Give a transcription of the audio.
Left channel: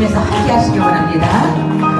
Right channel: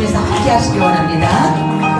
웃으면서 함께 하시기 원합니다.